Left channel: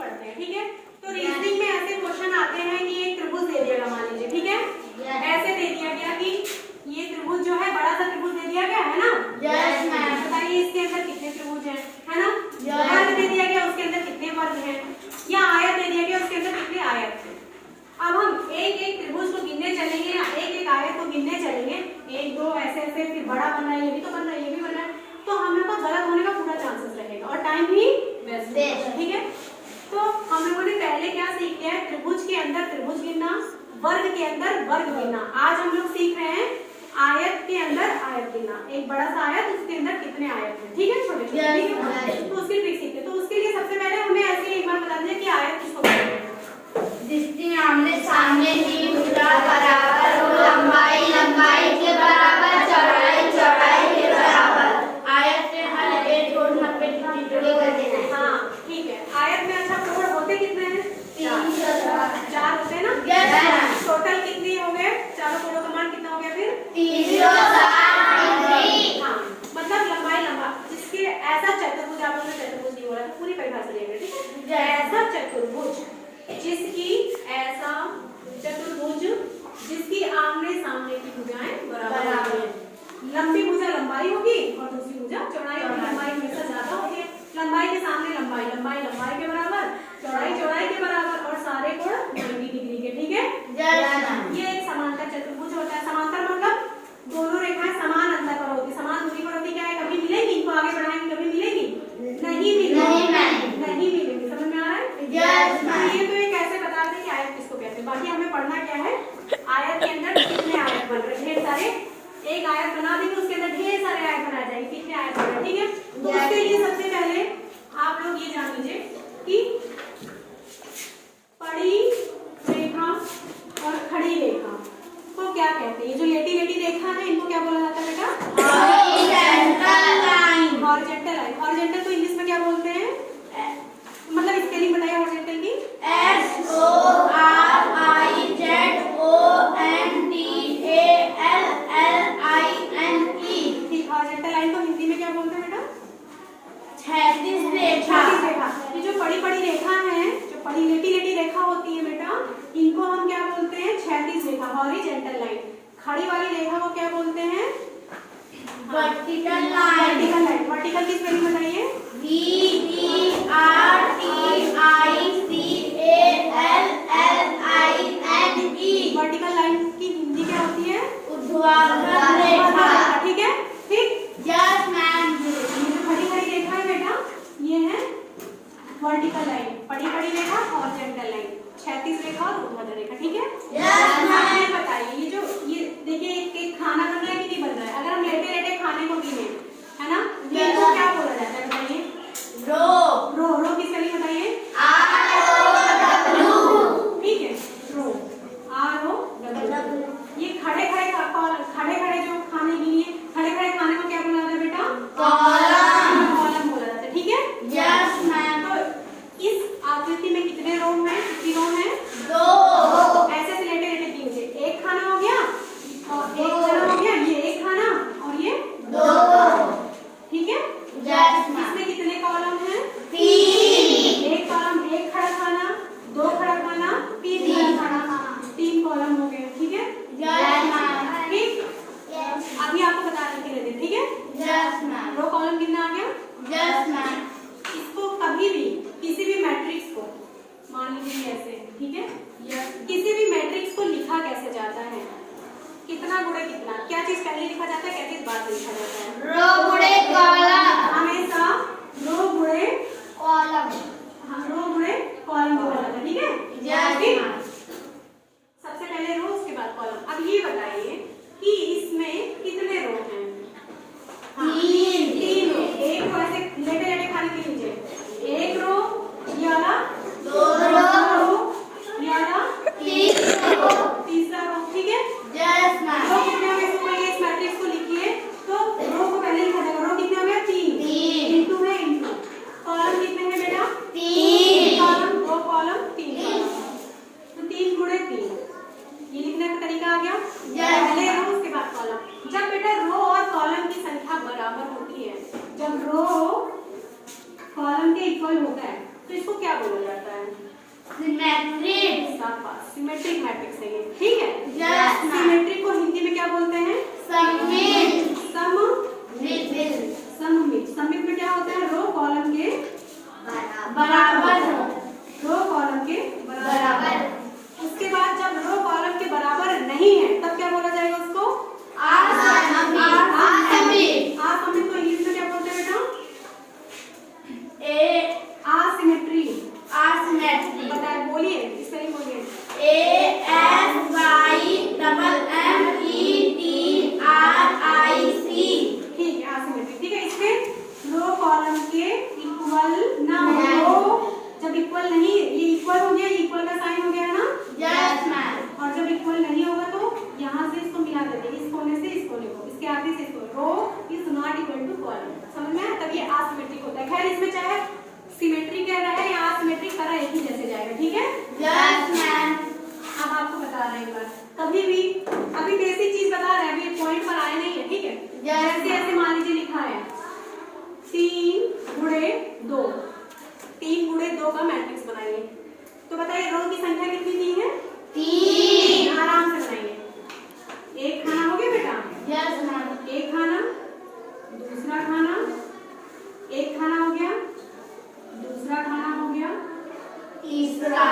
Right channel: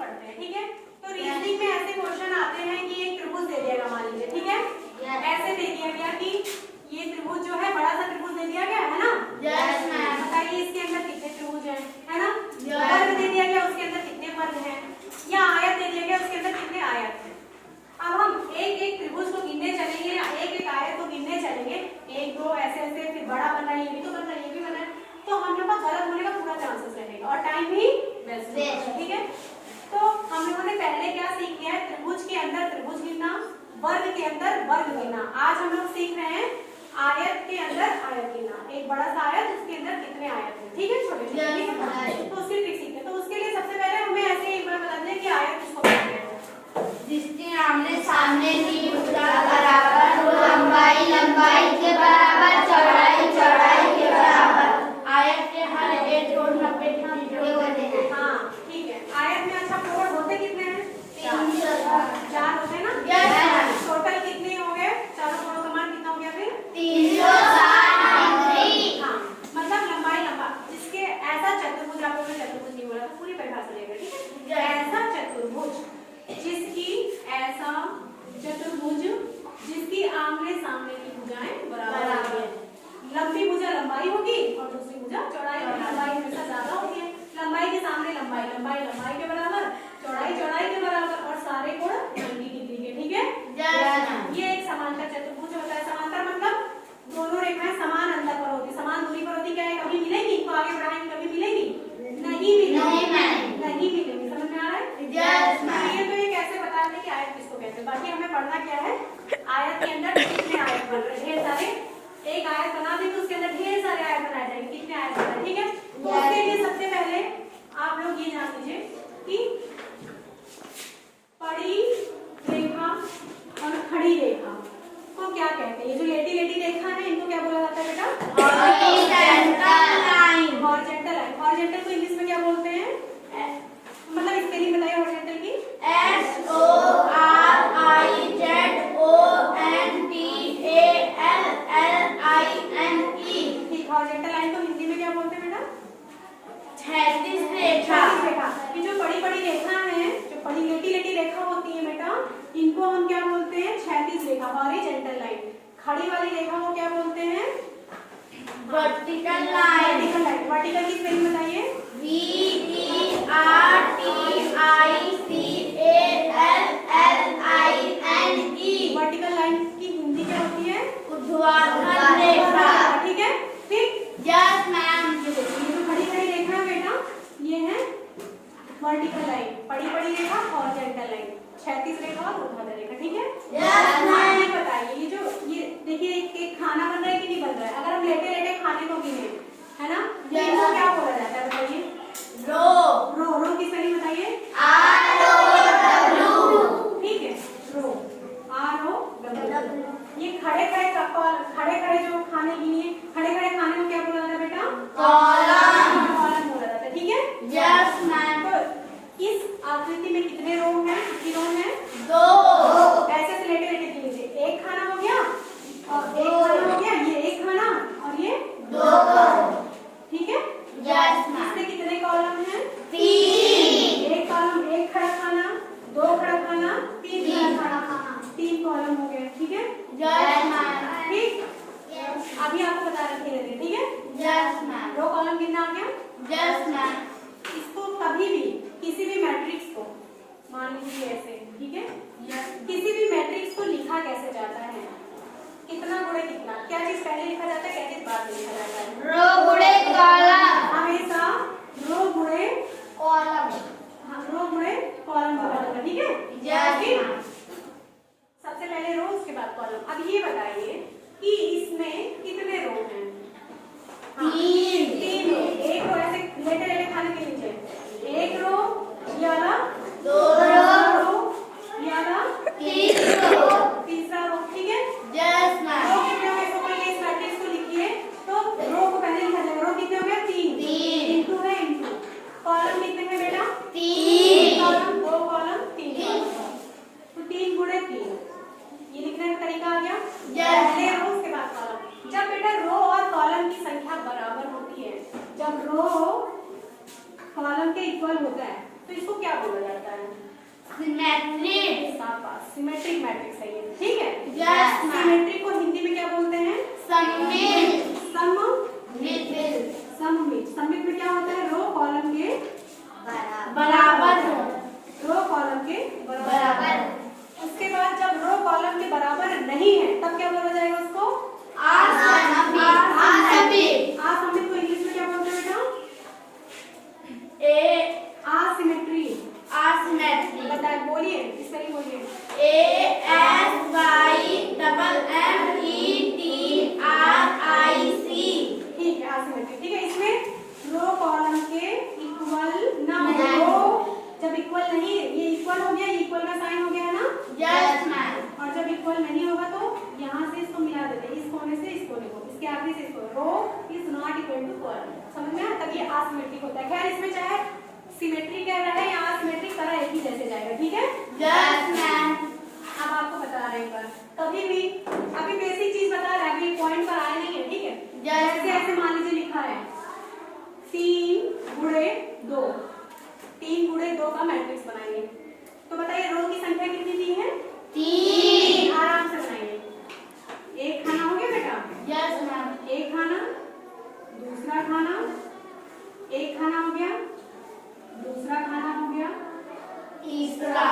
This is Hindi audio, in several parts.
पढ़ते हैं, ठीक है। तो रीजनिंग में ऐसे क्वेश्चन आते हैं कि एक त्रिभुज दे दिया मान लीजिए, ठीक है, ऐसे दे दिया गया कि ये त्रिभुज जो है बड़ा सा त्रिभुज दे दिया गया है ना, बताइए इसके अंदर कितने त्रिभुज हैं, है ना, वर्ग दे दिया गया उसके अंदर कितने वर्ग हैं, या आयत दे दिया गया उसके अंदर कितने आयत हैं। अब हम एक एक त्रिभुज को गिनने चलेंगे ना, एक एक आयत को गिनने चलेंगे, एक दो ऐसे ऐसे, फिर बड़ा बन रहा है, ये भी तो बन रहा है, ये भी बन रहा है, तो हम लोग का गलत होने का पूरा चांसेस रहेगा और टाइम भी वेस्ट होगा, ठीक है। तो हम लोगों ने पहले क्या सीख लिया है, त्रिभुज के अंदर त्रिभुज गिनना, वर्ग के अंदर वर्ग गिनना। आज हम लोग सीख रहे हैं आयत के अंदर आयत गिनना, एक बड़ा सा आयत उसके अंदर कितने आयत हैं, ठीक है, छोटे छोटे, ठीक है। तो उसकी ट्रिक सीखते हैं। तो उसके लिए सबसे पहले हमें ऐसे एक बार बता दें कि आयत किसको कहते हैं। जिसके आमने सामने की भुजा बराबर हो, लंबाई लंबाई के बराबर, चौड़ाई चौड़ाई के बराबर, आयत के हर एक कोण 90 डिग्री होते हैं। हाँ ठीक है, आयत में अच्छा कोण होते कितने हैं, 4 होते हैं ना, टोटल कितने हो गए, चारों कोणों का मान कितना हो गया फिर 360 डिग्री। हाँ मतलब लंबाई लंबा, जिसके ऐसा चतुर्भुज, आप लोगों ने चतुर्भुज की बोला तो पूरी परिभाषा लेंगे, ठीक है, ऐसा चतुर्भुज जिसकी, ऐसा चतुर्भुज जिसकी आमने सामने की भुजाएं बराबर हैं। लंबी भुजा लंबाई होगी और दूसरी भुजा चौड़ाई होगी, लंबाई हमेशा ज्यादा होगी, लंबाई के सामने लंबाई, लंबाई लंबाई के बराबर, चौड़ाई चौड़ाई के बराबर और सारे कोण 90 डिग्री के, ठीक है। ये एक समांतर चतुर्भुज होता है। समांतर मतलब दोनों रेखाएं समान अंतर पर होती, समान दूरी पर होती, क्या है, कभी मिलेगी, इनको आगे बढ़ाएंगे कभी मिलेगी नहीं मिलेगी, समझ में आ रहा है। ये तो ये कैसे बता दें कि आयत किसको कहते हैं। बाकी हमें पढ़ना क्या है, आयत के अंदर कितने आयत बन रहे हैं, ढेर सारे, एक आयत बना देंगे उसके अंदर ढेर सारे आयत बना जाएंगे, कितने आयत बन रहे हैं, ठीक है। तो उसके लिए सबसे पहले आप लोग ये जान लीजिए कि पड़ी रेखा और खड़ी रेखा को क्या कहते हैं। ये जो लेटी लेटी रेखा है इनको क्या बोला जाता है बेटा, हॉरिजॉन्टल लाइन। हॉरिजॉन्टल तो इंग्लिश में क्या बोलते हैं, मतलब स्पेलिंग बताइए हॉरिजॉन्टल की, HORIZONTALLINE। ठीक, हॉरिजॉन्टल लाइन को हिंदी में क्या बोलते हैं बेटा, क्षैतिज रेखा। ये जो बड़ी बड़ी रेखा है, जो बड़ी लेटी लेटी रेखा होती है बेटा, इनको हम क्या बोलते हैं, क्षैतिज रेखा, हॉरिजॉन्टल लाइन। खड़ी वाली रेखा को क्या बोलते हैं, वर्टिकल लाइन। वर्टिकल की स्पेलिंग बताइए, VERTICALLINE। वर्टिकल लाइन की हिंदी क्या होती है, ऊर्ध्वाधर रेखा, ठीक है, ठीक। Yes ma'am. ये जो खड़ी खड़ी रेखा है बेटा, ये है वर्टिकल लाइन, बड़ी बड़ी रेखा हॉरिजॉन्टल लाइन, क्षैतिज रेखा और ऊर्ध्वाधर रेखा, ठीक है। Yes ma'am. ये बताइए, ये जो ये देखिए एक खाना बन रहा है कि नहीं बन रहा है, अगर हम लेटे लेटे खाने को गिने, है ना, ये इसको क्या बोला जाता है बताइए, रो की स्पेलिंग बताइए, ROW। ठीक है, रो, ROW। ये खड़े खड़े जो खाने गिनिए, खड़े खड़े खाने को क्या बोला जाता है बेटा, कॉलम बोला जाता है, ठीक है। Yes ma'am. तो इस आकृति में कितने रो हैं, कितनी रो हैं, 2। ऐसे से लेटे लेटे तीन से एक खाना हो गया और एक खाना हो गया, ये एक खाना और ये 2, ठीक है। Yes ma'am. इसमें कितने कॉलम हैं, 3। एक कॉलम, एक खड़ा खाना, 2 खड़ा खाना, 3 खड़ा खाना, 3 कॉलम हो गए, ठीक है। Yes ma'am. ठीक, अभी आपको बता रही थी, ठीक है। Yes ma'am. रो कॉलम कितना आ गया, यस मैम। इसको कभी भी किसी भी मैट्रिक्स को मान लीजिए ऐसे, ठीक है, किसी भी मैट्रिक्स को लिखा कैसे जाता है, कितना गुणे कितना, क्या चीज पहले लिखा जाता है, क्या चीज बाद में लिखा जाता है, रो गुणे कॉलम। हमेशा रो गुणे कॉलम। रो गुणे कॉलम बोला जाता है, ठीक है। Yes ma'am. सबसे पहले रो उसके बाद कॉलम। अब ये बताइए कि इसमें कितने रो हैं, 3 रो। एक रो ऐसे लेटे लेटे खाली तीन नीचे, एक रो या 2 रो या 3 रो। तीसरा रो, ठीक है। Yes ma'am. रो कितने हो गए, इसको पहले इस मैट्रिक्स को लिखिए, तो रो को पहले लिखा जाएगा, रो कितने हो गए, 3 इंटू है इंटू, कॉलम कितने हैं बेटा, 3 कॉलम, 2 कॉलम 3 तो 3 गुणे 3, ये लिखने का तरीका आ गया। पहले रो उसके बाद कॉलम। जब बेटा रो और कॉलम की संख्या बराबर होती है, जब रो कॉलम के इक्वल होता है, तो इसको क्या क्या बोला जाता है? सिमेट्रिक। शाबाश, सिमेट्रिक मैट्रिक्स है ये, ठीक है। Yes, ma'am. सिमेट्रिक को हिंदी में क्या बोलते हैं? सममित। सममित। सममित में क्या होता है? रो कॉलम के बराबर। रो कॉलम के बराबर। उसके बाद जब रो कॉलम के बराबर नहीं है तब क्या बोला जाएगा उसको? असममित। असममित को इंग्लिश में क्या बोलते हैं बेटा? एसिमेट्री। बताइए, बोलिए, सही बोलिए। ASYMMETRIC। ठीक है, असिमेट्रिक। ठीक है, इसमें रो कॉलम के इक्वल ना हो, जब इक्वल नहीं, ये इक्वल हो गया, इक्वल का साइन हो गया ना? Yes ma'am. और जब इक्वल नहीं होगा तो यहाँ से इसको मिला देते हैं, इस कोने से इस कोने को, इसके आखिरी से इसको। Row is not equal to column, समझ में? तब ये असिमेट्रिक होता है। खैर, इसमें चाहे सिमेट्रिक कह रहा है या असिमेट्रिक करा, एक ही जैसे जाएगा, ठीक है? Yes ma'am. अब आपको बता रहे हैं कभी भी, अभी बेसिक चीज बता रहे हैं, अभी पॉइंट पर आए नहीं है, ठीक है? जैसे ऐसे मान लीजिए लिखा है 3 गुणे 2, 3 गुणे 2 का मैट्रिक्स बनाएंगे, तो बताइए रो की संख्या कितनी दी है? 3। आराम से बनाइए। एक खाना हो गया बेटा? Yes ma'am. एक खाना, दूसरा खाना, एक खाना हो गया, दूसरा खाना हो गया, तीसरा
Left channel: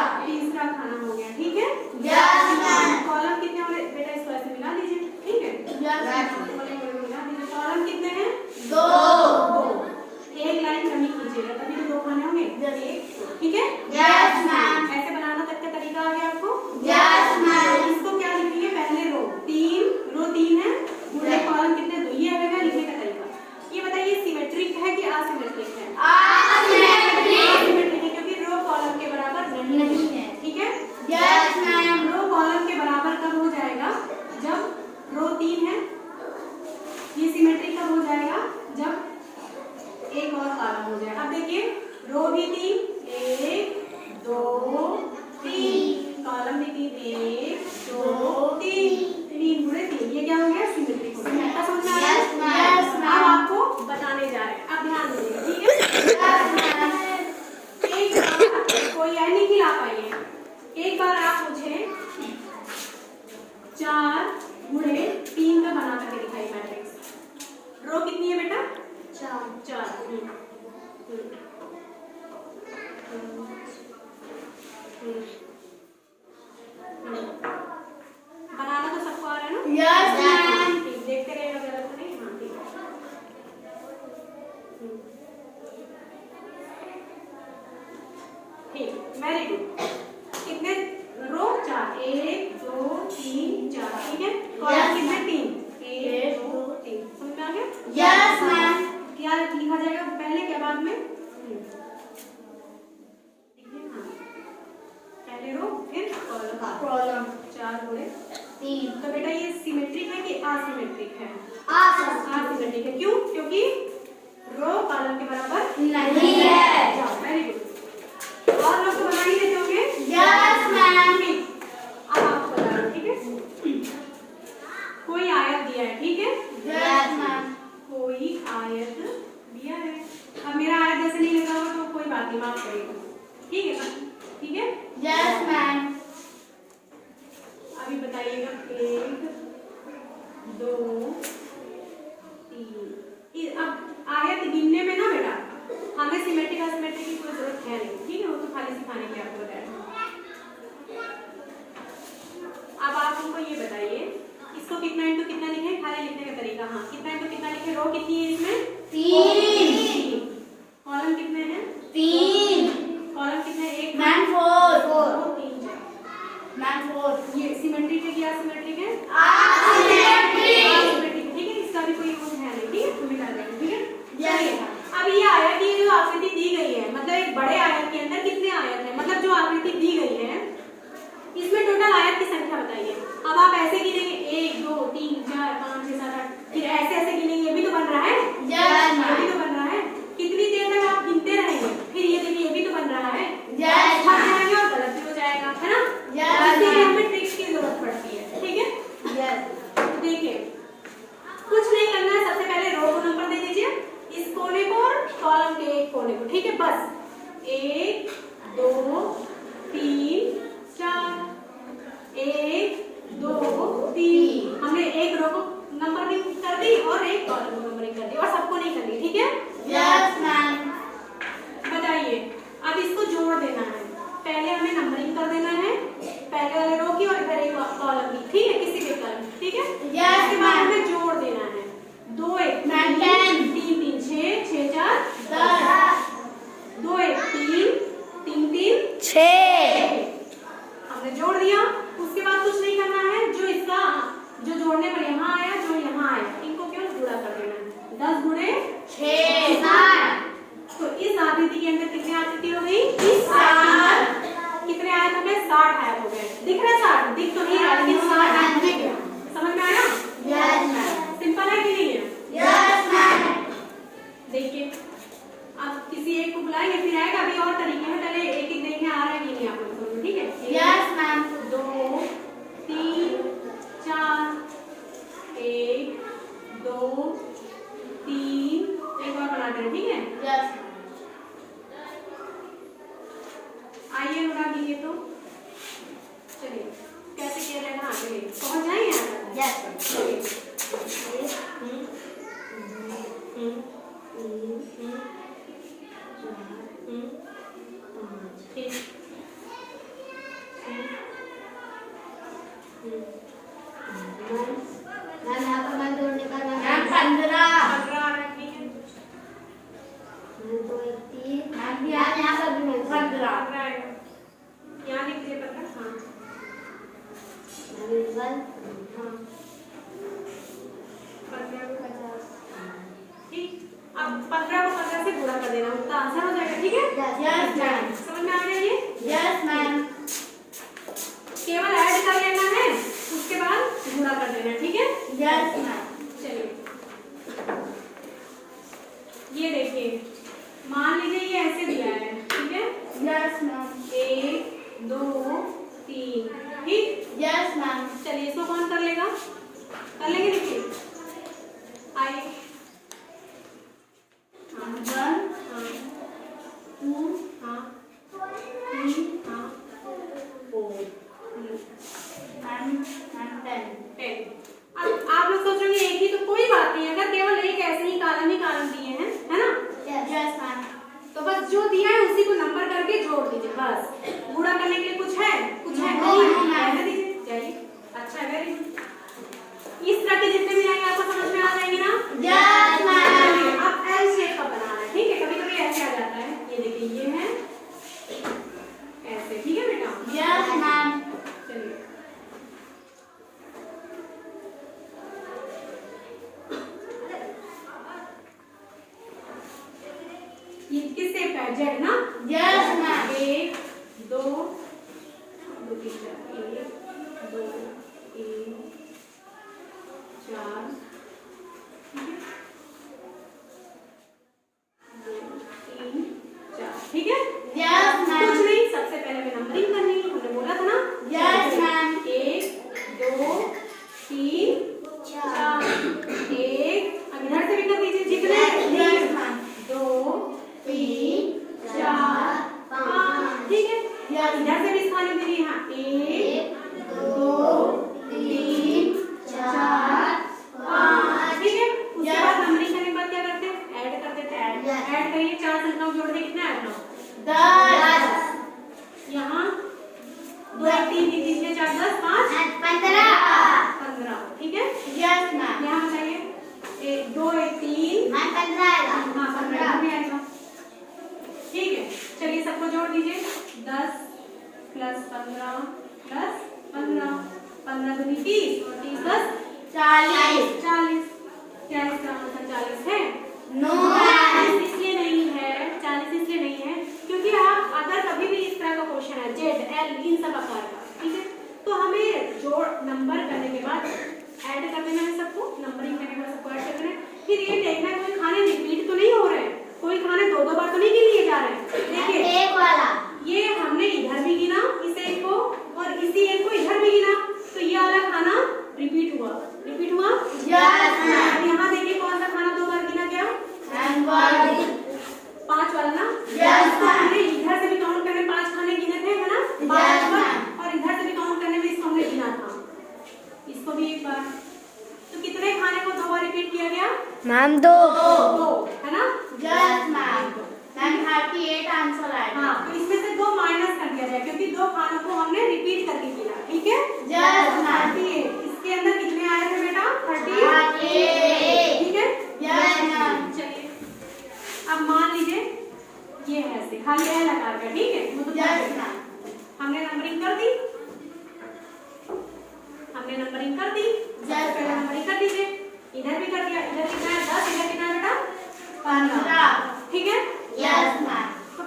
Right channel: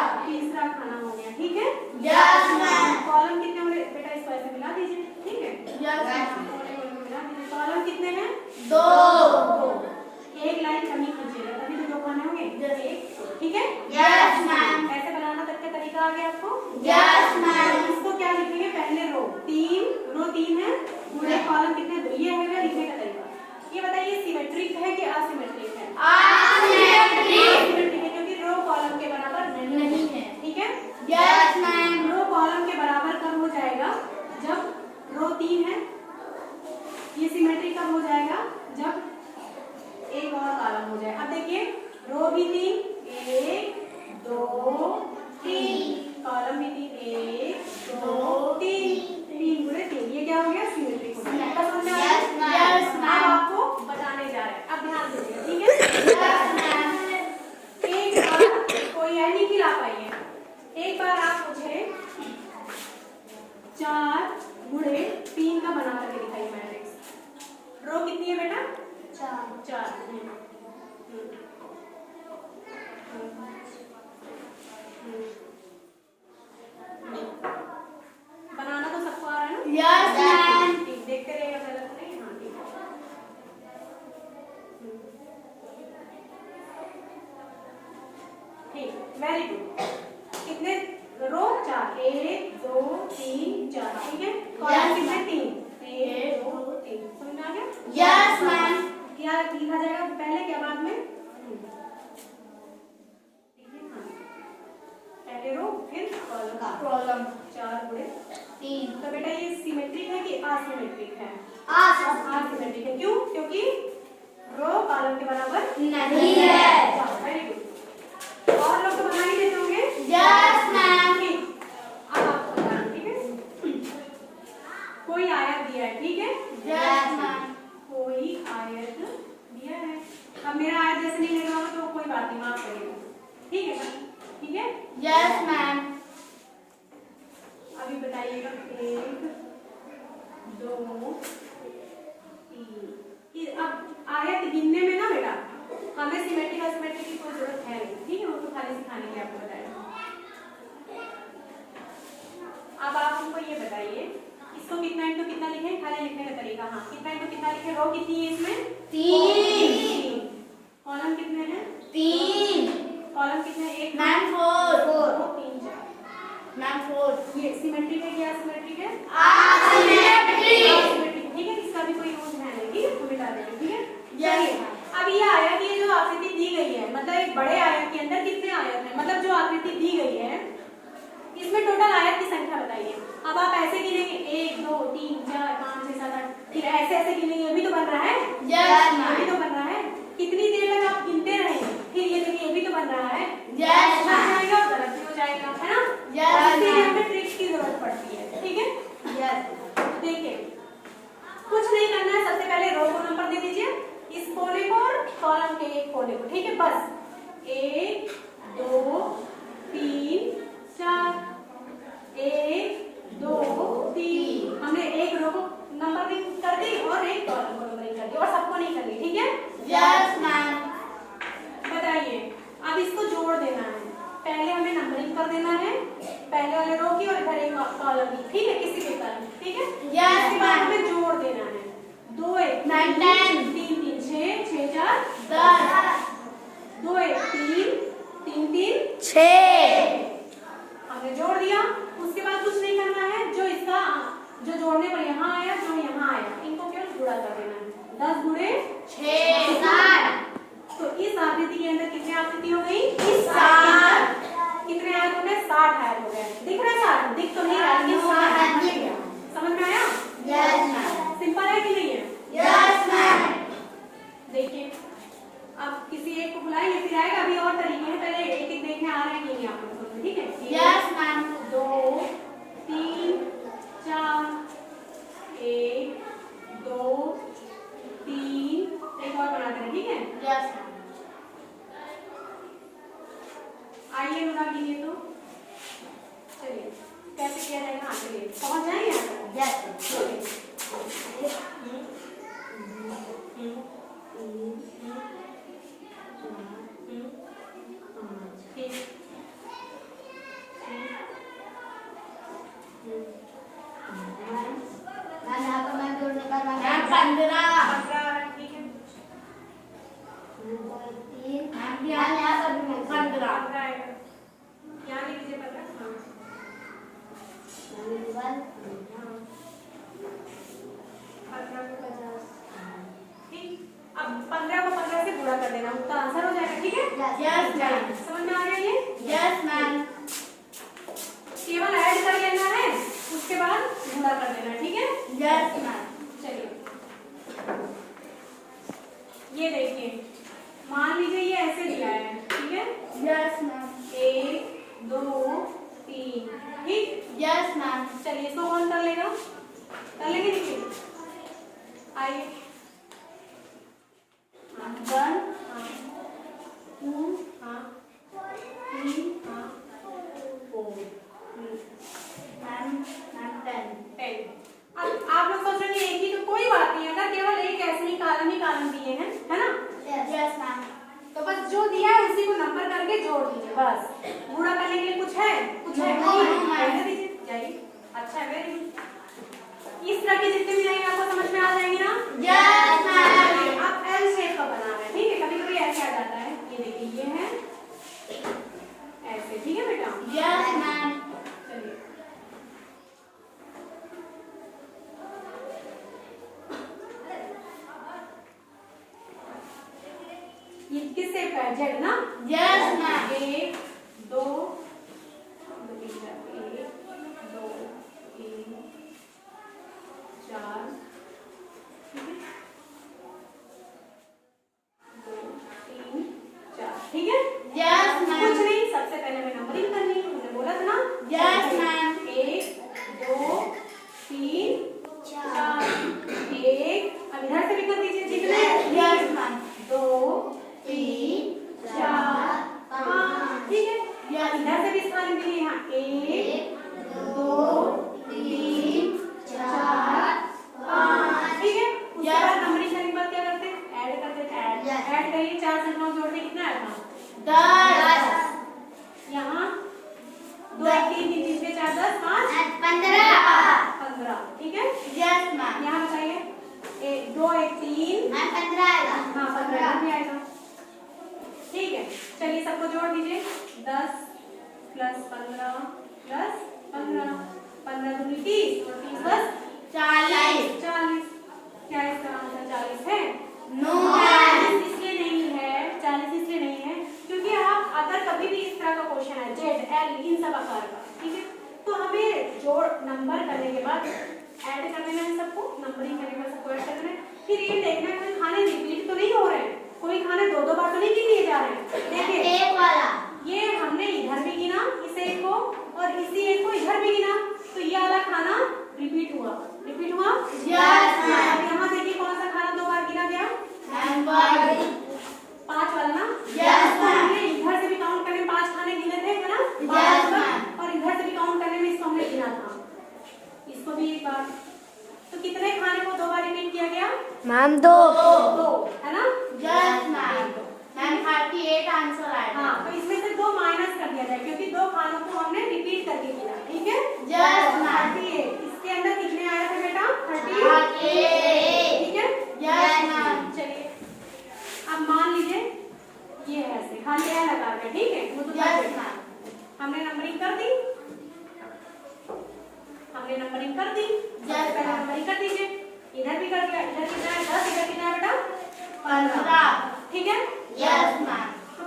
खाना हो गया, ठीक है? Yes ma'am. कॉलम कितने हो रहे बेटा? इसको ऐसे मिला दीजिए, ठीक है? Yes ma'am. मिला दीजिए। कॉलम कितने हैं? 2। एक लाइन कमी कीजिएगा, तभी तो 2 खाने होंगे, ठीक है? Yes ma'am. ऐसे बनाना तक का तरीका आ गया आपको? Yes ma'am. इसको क्या लिखेंगे? पहले रो 3 है, पूरे कॉलम कितने? 2। ये है लिखने का तरीका। ये बताइए सिमेट्रिक है कि असिमेट्रिक है? असिमेट्रिक। है, क्योंकि रो कॉलम के बराबर नहीं है, ठीक है? Yes ma'am. रो कॉलम के बराबर कब हो जाएगा? जब रो 3 है। ये सिमेट्रिक कब हो जाएगा? जब एक और कॉलम हो जाए। अब देखिए, रो भी 3, 1 2 3, कॉलम भी 3, 1 2 3, 3 गुणे 3, ये क्या हो गया? सिमेट्रिक हो गया। ऐसा समझ में आया? Yes ma'am. अब आपको बताने जा रहे हैं, अब ध्यान दीजिए, ठीक है? Yes ma'am. एक बार कोई है नहीं खिला पाइए, एक बार आप मुझे 4 गुणे 3 का बना करके दिखाइए मैट्रिक्स। रो कितनी है बेटा? 4। बनाना तो सबको आ रहा है ना? Yes ma'am. ठीक, देखते रहिएगा, गलत नहीं। हाँ, ठीक है। ठीक, वेरी गुड। कितने रो? 4, 1 2 3 4, ठीक है? कॉलम कितने? 3, 1 2 3। समझ में आ गया? Yes ma'am. क्या लिखा जाएगा पहले, क्या बाद में? पहले रो फिर कॉलम 4 गुणे 3। तो बेटा ये सिमेट्रिक है कि असिमेट्रिक है? असिमेट्रिक। है। क्यों? क्योंकि रो कॉलम के बराबर नहीं है। Very good. और लोग तो बना ही देते होंगे? Yes ma'am. ठीक, अब आपको बताना, ठीक है? कोई आयत दिया है, ठीक है? Yes ma'am. कोई आयत दिया है। अब मेरा आयत जैसे नहीं लग रहा हो तो कोई बात नहीं, माफ करिएगा, ठीक है? ठीक है? Yes ma'am. अभी बताइएगा 1 2 3। अब आयत गिनने में ना बेटा हमें सिमेट्रिक असिमेट्रिक की कोई जरूरत है नहीं, ठीक है? वो तो खाली सिखाने की आपको बताया। अब आप हमको ये बताइए, इसको कितना इंटू कितना लिखे? खाली लिखने का तरीका। हाँ, कितना इंटू कितना लिखे? रो कितनी है इसमें? 3। कॉलम कितने हैं? 3। कॉलम कितने? 1 मैम 4। 2 3 4। मैम 4। ये सिमेट्रिक है या असिमेट्रिक है? असिमेट्रिक। असिमेट्रिक, ठीक है? इसका भी कोई यूज है नहीं, ठीक है? हम मिटा देंगे, ठीक है? यस। अब ये आयत, ये जो आकृति दी गई है, मतलब एक बड़े आयत के अंदर कितने आयत हैं? मतलब जो आकृति दी गई है इसमें टोटल आयत की संख्या बताइए। अब आप ऐसे गिनेंगे 1 2 3 4 5 6 7 8, फिर ऐसे ऐसे गिनेंगे, ये भी तो बन रहा है? यस ये भी मैम। तो बन रहा है। कितनी देर तक आप गिनते रहेंगे, फिर ये देखिए ये भी तो बन रहा है। यस थक मैम। जाएंगे और गलत भी हो जाएगा, है ना? यस इसलिए मैम। हमें ट्रिक्स की जरूरत पड़ती है, ठीक है? यस। देखिए, कुछ नहीं करना है, सबसे पहले रो को नंबर दे दीजिए, इस कोने को और कॉलम के एक कोने को, ठीक है? बस 1 अंदर कितनी आकृति हो गई? 60। कितने आयत हो गए? 60 आयत हो गए। दिख रहा है 60? दिख तो नहीं रहा लेकिन 60 आयत। समझ में आया? Yes ma'am. सिंपल है कि नहीं है? Yes ma'am. देखिए अब किसी एक को बुलाएंगे फिर आएगा। अभी और तरीके हैं, पहले एक एक देखने आ रहा है कि नहीं आप लोग समझो, ठीक है? Yes ma'am. 2 3 4 1 2 3 एक और बनाते हैं, ठीक है? यस आइए लगा दीजिए तो चलिए कैसे किया जाएगा? हाँ चलिए पहुंच जाएंगे यहाँ यस मैम। यहाँ पर मैं जोड़ने का नाम मैम 15। ठीक है। मैम यहाँ पर भी 15। यहाँ लिख लीजिए 15। हाँ ठीक। अब 15 को 15 से गुणा कर देना, उसका आंसर हो जाएगा, ठीक है? Yes ma'am. समझ में आ गया ये? Yes ma'am. केवल ऐड कर लेना है, उसके बाद गुणा कर देना है, ठीक है? Yes ma'am. चलिए ये देखिए, मान लीजिए ये ऐसे दिया है, ठीक है? Yes ma'am. 1 2 3, ठीक? Yes ma'am. चलिए इसको कौन कर लेगा? कर लेंगे, देखिए आइए। 1 हाँ 2 हाँ 3 हाँ 4 मैम 10। 10। अब आप लोग सोच रहे हैं एक ही, तो कोई बात नहीं है, अगर केवल एक ऐसे ही कारण दिए हैं, है ना? Yes ma'am. तो बस जो दिया है उसी को नंबर करके जोड़ दीजिए, बस। गुणा करने के लिए कुछ है? कुछ है नहीं, नहीं? नहीं। रहने दीजिए। चलिए अच्छा है, वेरी गुड। इस तरह के जितने भी रहेंगे आपको समझ में आ जाएंगे ना? Yes ma'am. चलिए, अब एल शेप का बना रहे हैं, ठीक है? कभी कभी ऐसे आ जाता है, ये देखिए ये है ऐसे, ठीक है बेटा? Yes ma'am. चलिए ये किस शेप का है? जेड ना? Yes ma'am. 1 2 2 3 4 1 2 3 4 2 3 4, ठीक है? यस कुछ मैम। नहीं, सबसे पहले हमें नंबरिंग करनी है, हमने बोला था ना? Yes ma'am. 1 2 3 4 1, अब इधर से भी कर दीजिए जितने। Yes ma'am. 2 3 4 5, ठीक है? यस। इधर से भी स्थान दीजिए, हाँ 1 2 3 4 5, ठीक है? उसके बाद नंबरिंग करने के बाद क्या करते हैं? ऐड करते हैं। Yes. ऐड करिए, 4 संख्याओं को जोड़ने कितना आएगा? 10। यहाँ 2 1 3 3 3 4 10 5 15, ठीक है? Yes ma'am. यहाँ बताइए 1 2 1 3 मैम 15 आएगा। हाँ 15 भी आएगा, ठीक है? चलिए सबको जोड़ दीजिए। 10 प्लस 15 प्लस 15, 15 दूनी 30 और 30 10 40। 40। क्या इसका आंसर 40 है? नो 40 इसलिए नहीं है, 40 इसलिए नहीं है क्योंकि आप अगर कभी भी इस तरह का क्वेश्चन है जेड एल इन सब आकार का, ठीक है? तो हमें जोड़ नंबर करने के बाद ऐड कर देना है सबको, नंबरिंग करने के बाद सबको ऐड कर देना है। फिर ये देखना कोई खाने रिपीट तो नहीं हो रहे हैं, कोई खाने 2 2 बार तो नहीं गिन लिए जा रहे हैं। देखिए एक वाला ये हमने इधर भी गिना इस एक को और इसी एक को इधर भी गिना, तो ये वाला खाना रिपीट हुआ। रिपीट हुआ? Yes ma'am. यहाँ देखिए कौन सा खाना 2 बार गिना गया? 5 वाला ना? Yes ma'am. हमने इधर से भी काउंट करने 5 खाने गिने थे, है ना? Yes ma'am. और इधर से भी काउंट करने में इसको हमने गिना था, इसको भी एक बार। तो कितने खाने को 2 बार रिपीट किया गया? मैम 2। 2, है ना? Yes ma'am. मैम 38 आंसर आएगा। हाँ, तो इसमें से 2 माइनस कर दिया जाए क्योंकि 2 खानों को हमने रिपीट करके किया, ठीक है? Yes ma'am. 38, इसके अंदर कितने आए थे बेटा? 38, ठीक है? Yes ma'am. चलिए अब मान लीजिए ये है ऐसे खाली है लगा दिया, ठीक है? वो तो यस मैम। हमने नंबरिंग कर दी, हमने नंबरिंग कर दी। यस पहले मैम। नंबरिंग कर दीजिए, इधर भी कर दिया। इधर कितना है? 10, इधर कितना है बेटा? 15, ठीक है? Yes ma'am. तो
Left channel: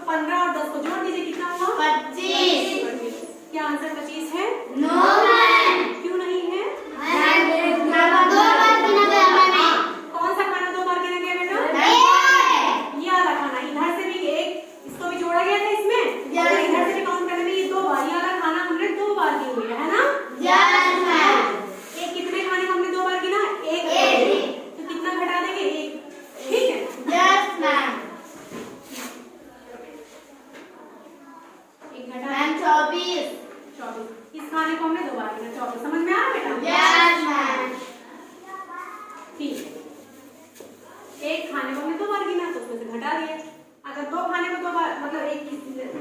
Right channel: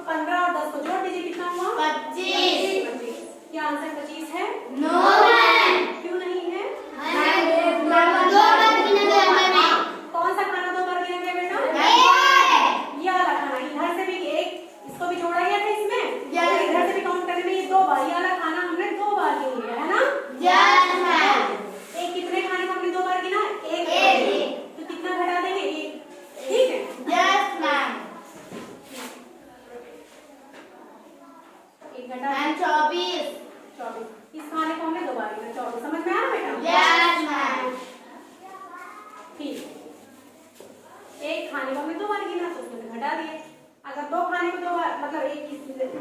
घटा मैम 24 इस खाने को हमने 2 बार गिना 24। समझ में आ रहा बेटा? Yes ma'am. ठीक, एक खाने को हमने 2 बार गिना तो उसमें से घटा दिए। अगर 2 खाने को 2 बार मतलब एक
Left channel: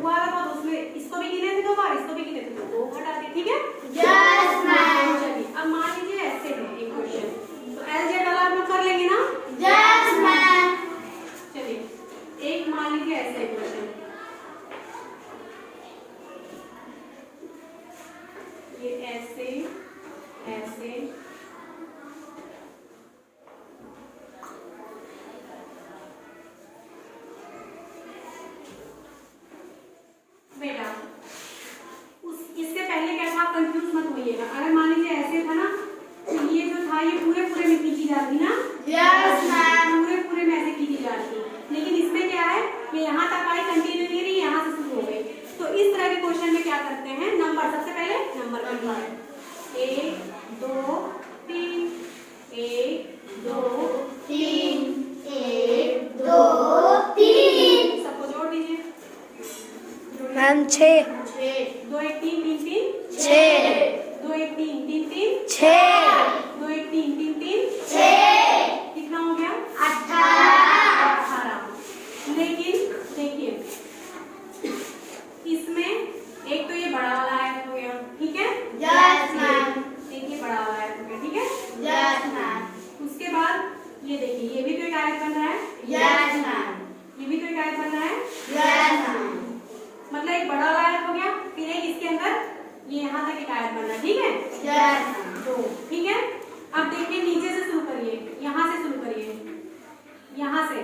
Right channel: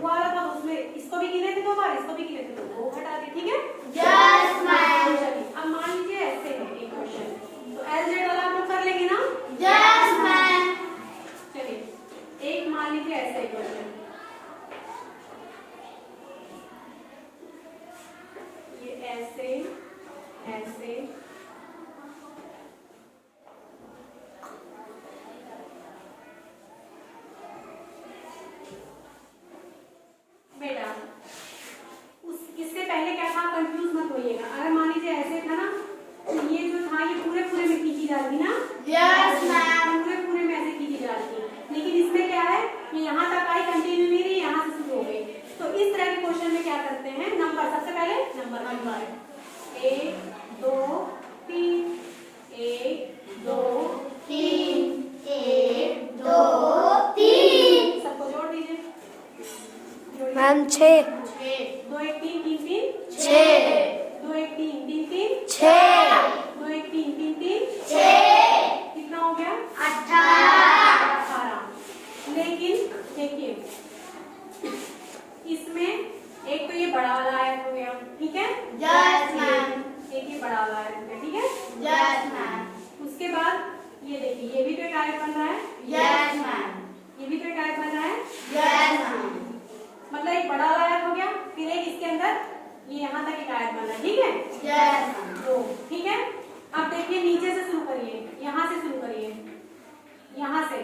हुआ था तो उसमें इसको भी गिने थे 2 बार, इसको भी गिने थे तो वो घटा दिए। ठीक है? Yes ma'am. चलिए अब मान लीजिए ऐसे है एक क्वेश्चन, तो एलजेड वाला आप लोग कर लेंगे ना? Yes ma'am. चलिए एक मान लीजिए ऐसे एक क्वेश्चन, ये ऐसे ऐसे बेटा इससे पहले क्या था, कंफ्यूज मत होइएगा। अगर मान लीजिए ऐसे था ना तो ये जो था ये पूरे पूरे में खींची जाती ना? Yes ma'am. पूरे पूरे में ऐसे खींची जाती, लेकिन इसमें क्या है कि यहाँ तक आई कंटिन्यू नहीं रही, यहाँ से शुरू हो गई। तो इस तरह के क्वेश्चन में क्या करते हैं, नंबर सबसे पहले नंबर 1 2 3 1 2 3 1 2 3 सबको जोड़ दीजिए। मैम 6 2 1 3 3 3 6 2 1 3 3 3 6 2 1 3 3 3 6 कितना हो गया? 18। लेकिन देखिए इसमें एक तो ये बड़ा वाला आयत हो गया, ठीक है? Yes ma'am. एक ये बड़ा वाला आयत हो गया, ठीक है? Yes ma'am. उसके बाद ये देखिए ये भी तो एक आयत बन रहा है, यस मैम। ये भी तो एक आयत बन रहा है, यस मैम। मतलब एक बड़ा वाला आयत हो गया, फिर एक इसके अंदर ये यहाँ तक एक आयत बन रहा है, ठीक है? Yes ma'am. तो ठीक है, अब देखिए नीचे से शुरू करिए, यहाँ से शुरू करिए, यहाँ से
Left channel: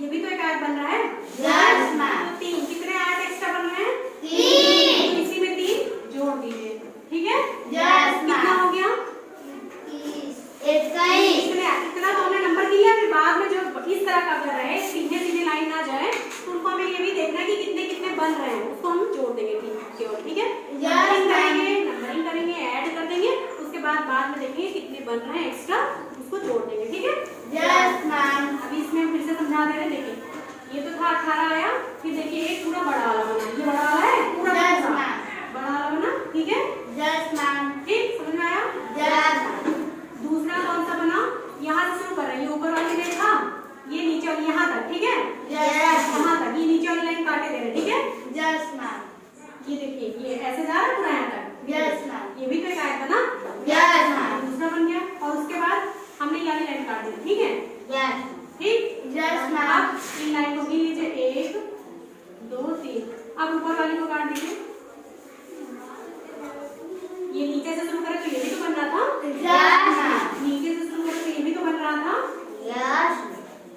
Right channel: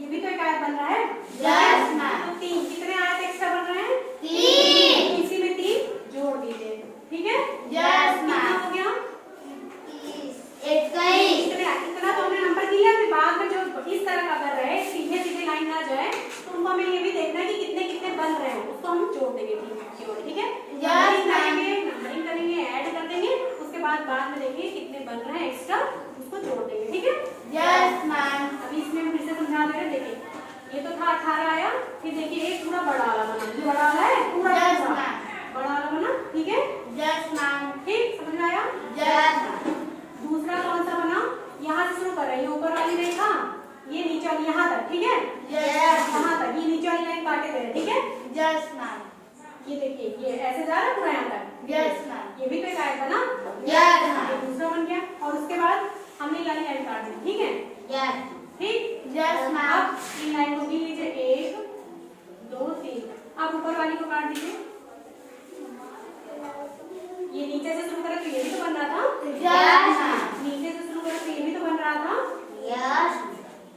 ये भी तो एक आयत बन रहा है। Yes ma'am. तो 3 कितने आयत एक्स्ट्रा बन रहे हैं? 3। तो इसी में 3 जोड़ दीजिए, ठीक है? यस कितना मैम। हो गया? 21। इतना तो हमने नंबर किया, फिर बाद में जो इस तरह का अगर रहे सीधे सीधे लाइन ना जाए तो उनको हमें ये भी देखना है कि कितने कितने बन रहे हैं, उसको हम जोड़ देंगे केवल, ठीक है? नंबरिंग करेंगे, ऐड कर देंगे, उसके बाद में देखेंगे कितने बन रहे हैं एक्स्ट्रा, उसको जोड़ देंगे, ठीक है? Yes ma'am. अभी इसमें हम फिर से समझा दे रहे, देखिए ये तो था 18 आया, फिर देखिए एक पूरा बड़ा वाला बना, ये बड़ा वाला है पूरा यस पूरा। मैम। बड़ा वाला बना, ठीक है? Yes ma'am. ठीक, समझ में आया? यस। दूसरा कौन सा बना, यहाँ से शुरू कर रहे हैं, ये ऊपर वाली रेखा, ये नीचे वाली यहाँ तक, ठीक है? यस। यहाँ तक, ये नीचे वाली लाइन काटे दे रहे हैं, ठीक है? Yes ma'am. ये देखिए ये ऐसे जा रहा है पूरा यहाँ तक। Yes ma'am. ये भी तो एक आयत बना। यस ये मैम। दूसरा बन गया, और उसके बाद हमने ये वाली लाइन काट दी, ठीक है? यस। ठीक, यस मैम। अब इन लाइन को भी लीजिए 1 2 3, अब ऊपर वाली को काट दीजिए। ये नीचे से शुरू करें तो ये भी तो बन रहा था, यस मैम। नीचे से शुरू करें तो ये भी तो बन रहा था, यस।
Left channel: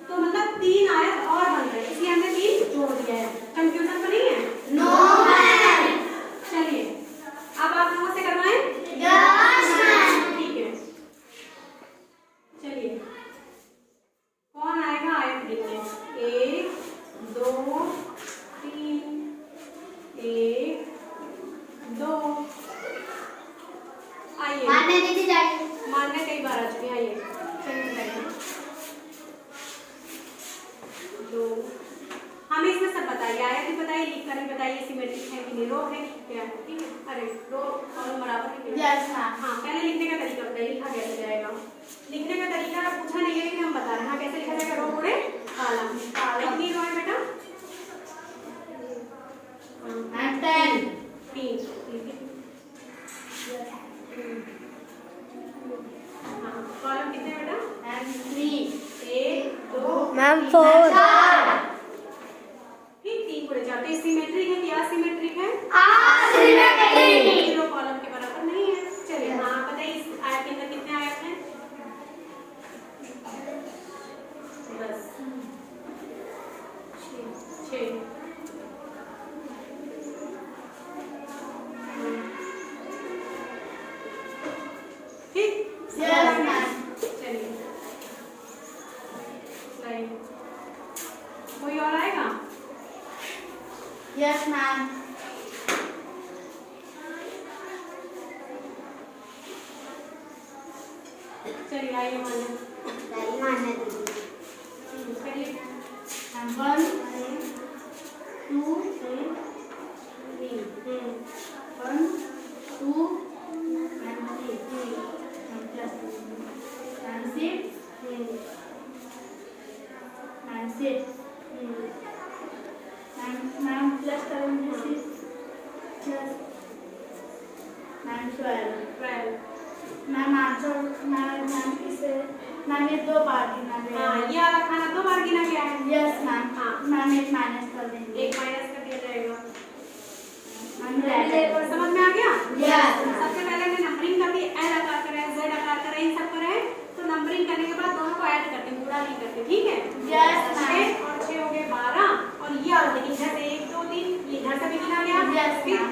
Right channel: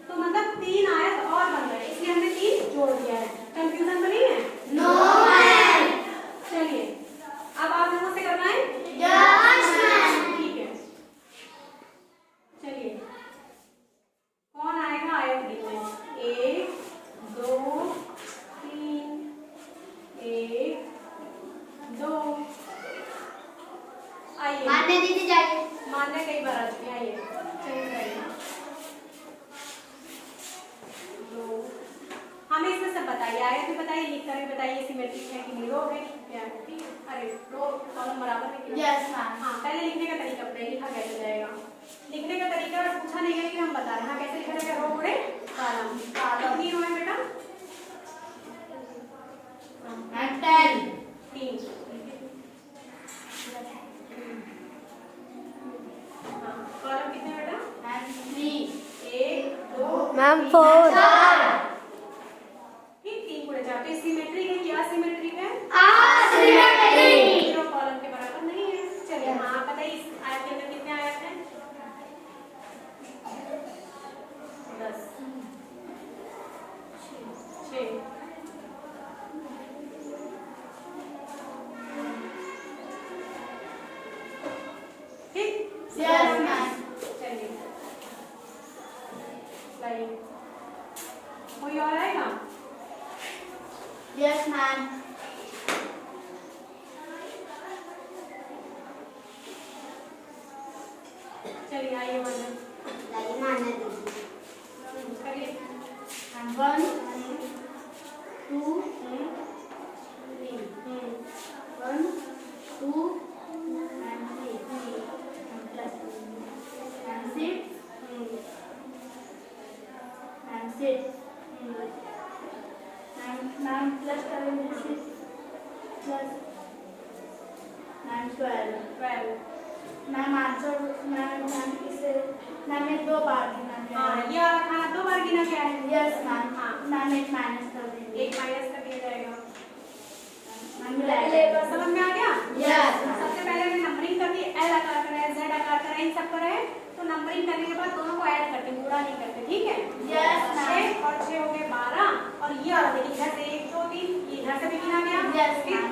तो मतलब 3 आयत और बन रहे हैं, इसलिए हमने 3 जोड़ दिया है। कंफ्यूजन तो नहीं है? No ma'am. चलिए अब आप लोगों से करवाएं। Yes ma'am. ठीक है, चलिए कौन आएगा आयत गिनने? 1 2 3 1 2, आइए मारने दीजिए जाके। मारने कई बार आ चुके हैं, आइए चलिए बैठिए। 2, हमें इसमें सब बताइए, आयत भी बताइए, लिख कर भी बताइए, सिमेट्रिक है कि नहीं, रो है कि क्या है, ठीक है? अरे रो कॉलम बराबर है कि नहीं? Yes ma'am. हाँ, पहले लिखने का तरीका बताइए, लिखा कैसे जाएगा? लिखने का तरीका पूछा नहीं है कि हम बता रहे हैं, हाँ कैसे लिखा जाएगा? रो रे कॉलम, कितनी रो है बेटा? मैम 10। 3, ठीक है? हाँ, कॉलम कितने बेटा? मैम 3। 1 2 मैम 4 ठीक, 3 पूरे जाते सिमेट्रिक है कि असिमेट्रिक है? असिमेट्रिक। जीरो कॉलम के बराबर नहीं है। चलिए हाँ बताइए, इस आयत के अंदर कितने आयत हैं? 10 6 ठीक, यस मैम। चलिए लाइए, कोई और आएगा? Yes ma'am. चलिए आइए मारने दीजिए। करिए। 1 2 3 प्लस करेंगे plus ma'am 12 ma'am answer ma'am इसे मैम ये 2 बार गिना गया हाँ है। ये वाला खाना 2 बार गिना गया है। यस मैम हाँ। मैम एक माइनस कर देंगे एक माइनस कर दिया जाएगा। मैम समझ में आ गया? यस सबसे पहले हमने नंबरिंग कर दी, एल आकार का है, जेड आकार का है, इन सब पर है। तो नंबरिंग करने के बाद दोनों को ऐड करते हैं, पूरा नहीं करते, ठीक है? Yes, ma'am. 6 और 6 हो गए 12 और ये वाला देखिए इधर से 1 2 3 ये इधर से भी गिना गया। Yes, फिर ma'am.